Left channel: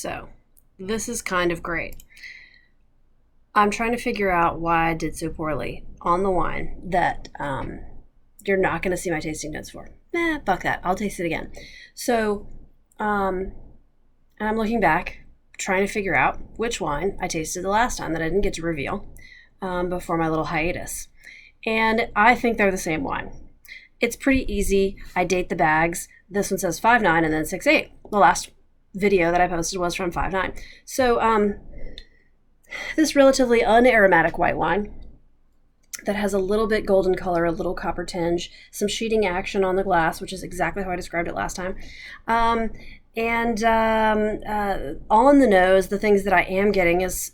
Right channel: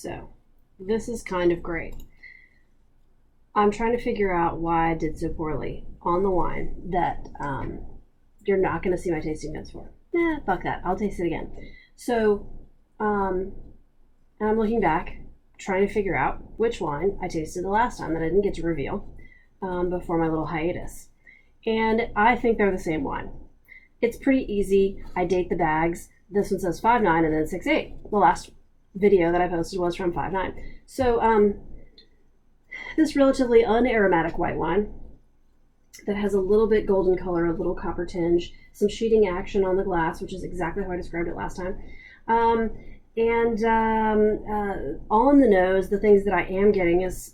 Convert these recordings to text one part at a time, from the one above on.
so this is kind of great. I'm trying to figure out why I did so poorly on the wine that you're not going to see my tasting notes for. Fuck that. I'll taste it again. So, and I'm looking back, trying to figure out which wine I tasted the last time that I didn't get to reveal before my little hiatus. And I think they're the same wine. It's pretty easy. I date the bags. This one says 5.9 and then 6.8. The last video that I posted was from 5.9. So, this relatively unaromatic white wine that has a little bit golden color, a little copper tinge, some sheeting action on the glass, which is exactly how I described it last time. And on the nose, the things that I am getting is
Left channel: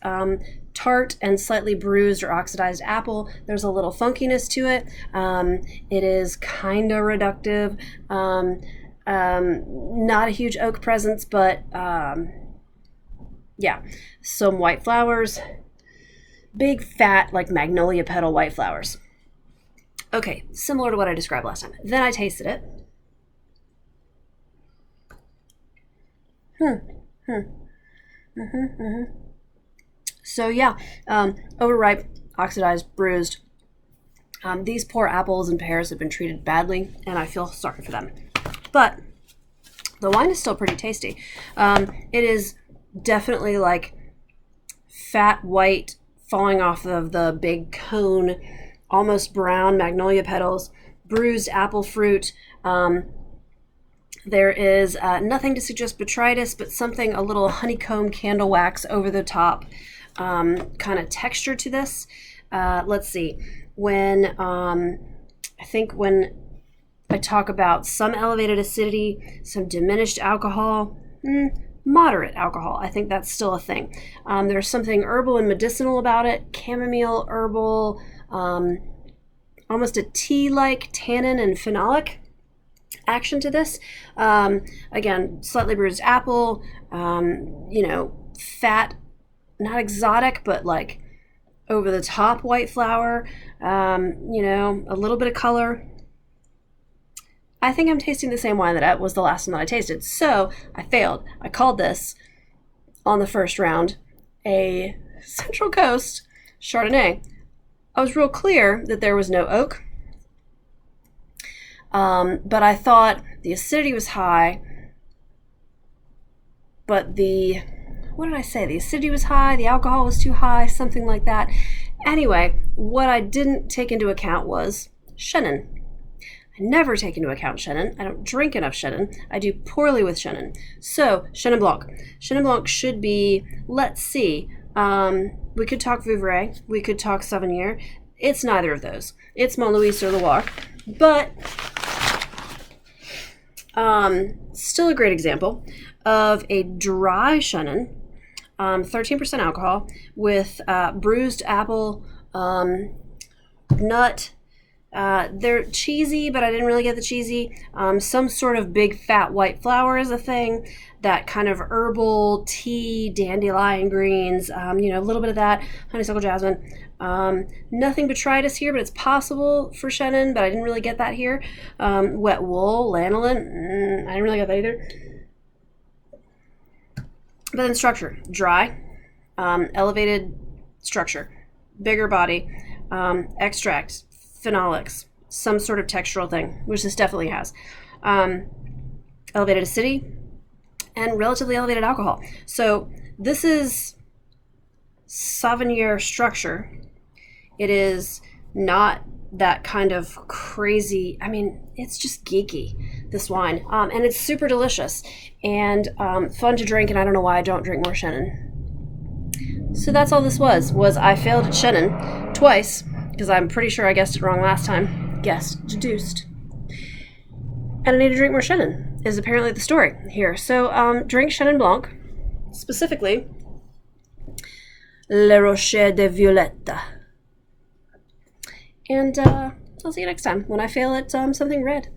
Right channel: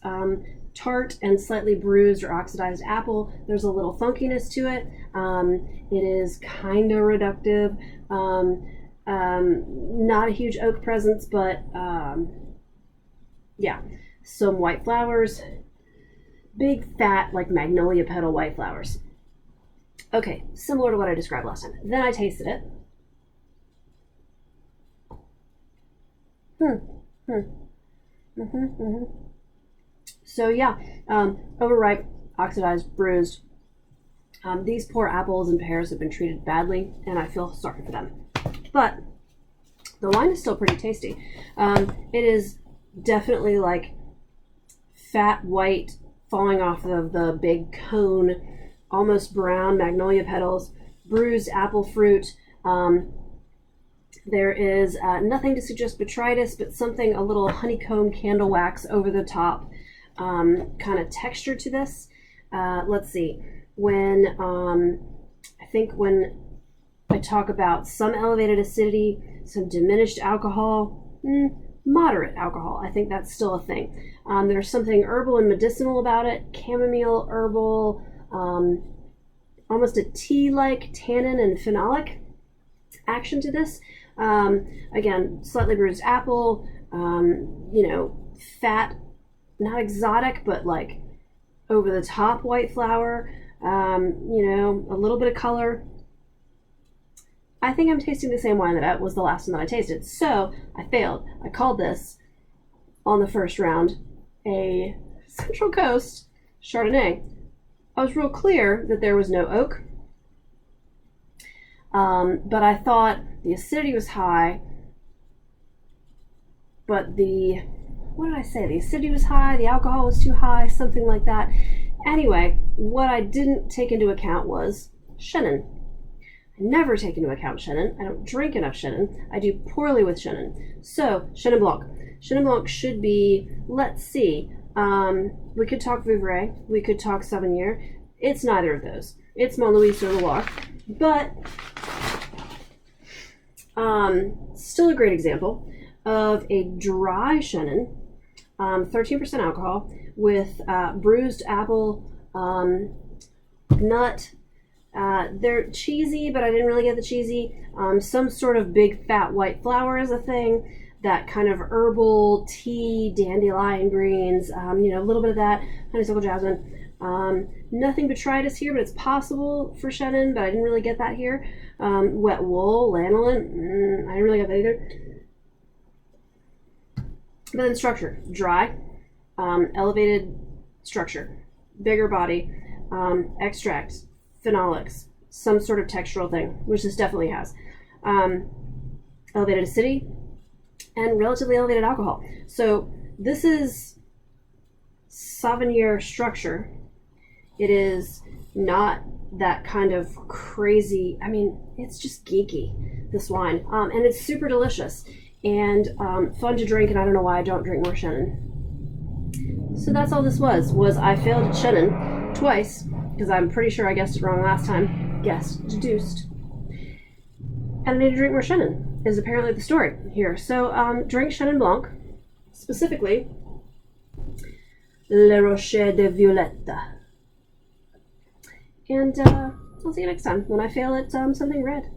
tart and slightly bruised or oxidized apple. There's a little funkiness to it. It is kind of reductive. Not a huge oak presence, but yeah, some white flowers, big fat like magnolia petal white flowers. Okay, similar to what I described last time. Then I tasted it. So yeah, overripe, oxidized, bruised. These poor apples and pears have been treated badly, and I feel sorry for them. But the wine is still pretty tasty. It is definitely like fat white falling off of the big cone, almost brown magnolia petals, bruised apple fruit. There is nothing to suggest botrytis, but something, a little honeycomb candle wax over the top kind of texture to this. Let's see. When I think when I talk about some elevated acidity, some diminished alcohol, moderate alcohol, I think that's still a thing. There's something herbal and medicinal about it, chamomile, herbal, almost a tea-like tannin and phenolic action to this. Again, slightly bruised apple, fat, not exotic, but like over the top white flower, a little bit of color. I think I'm tasting the same wine that was the last one that I tasted. So I failed. I called this on the first round a Central Coast Chardonnay. I was real clear that there was no oak. But I thought the acidity was high, but what did I say? The acidity was high, the alcohol was too high, something like that. Anyway, what I didn't take into account was Chenin. I never take into account Chenin. I don't drink enough Chenin. I do poorly with Chenin. So, Chenin Blanc. Chenin Blanc should be, let's see, we could talk Vouvray, we could talk Sauvignon. It's neither of those. It's Montlouis-sur-Loire. But still a great example of a dry Chenin, 13% alcohol with bruised apple, nut. They're cheesy, but I didn't really get the cheesy. Some sort of big fat white flower is a thing. That kind of herbal tea, dandelion greens, a little bit of that, honeysuckle jasmine. Nothing botrytis here, but it's possible for Chenin, but I didn't really get that here. Wet wool, lanolin, I didn't really get that either. But then structure, dry, elevated structure, bigger body, extract, phenolics, some sort of textural thing, which this definitely has. Elevated acidity and relatively elevated alcohol. So this is Sauvignon structure. It is not that kind of crazy, it's just geeky, this wine. And it's super delicious and fun to drink, and I don't know why I don't drink more Chenin. So that's all this was I failed at Chenin twice, because I'm pretty sure I guessed it wrong last time. Deduced. And I need to drink more Chenin, is apparently the story here. So drink Chenin Blanc, specifically Le Rocher de Violette. And I'll see you next time when I fail at something red.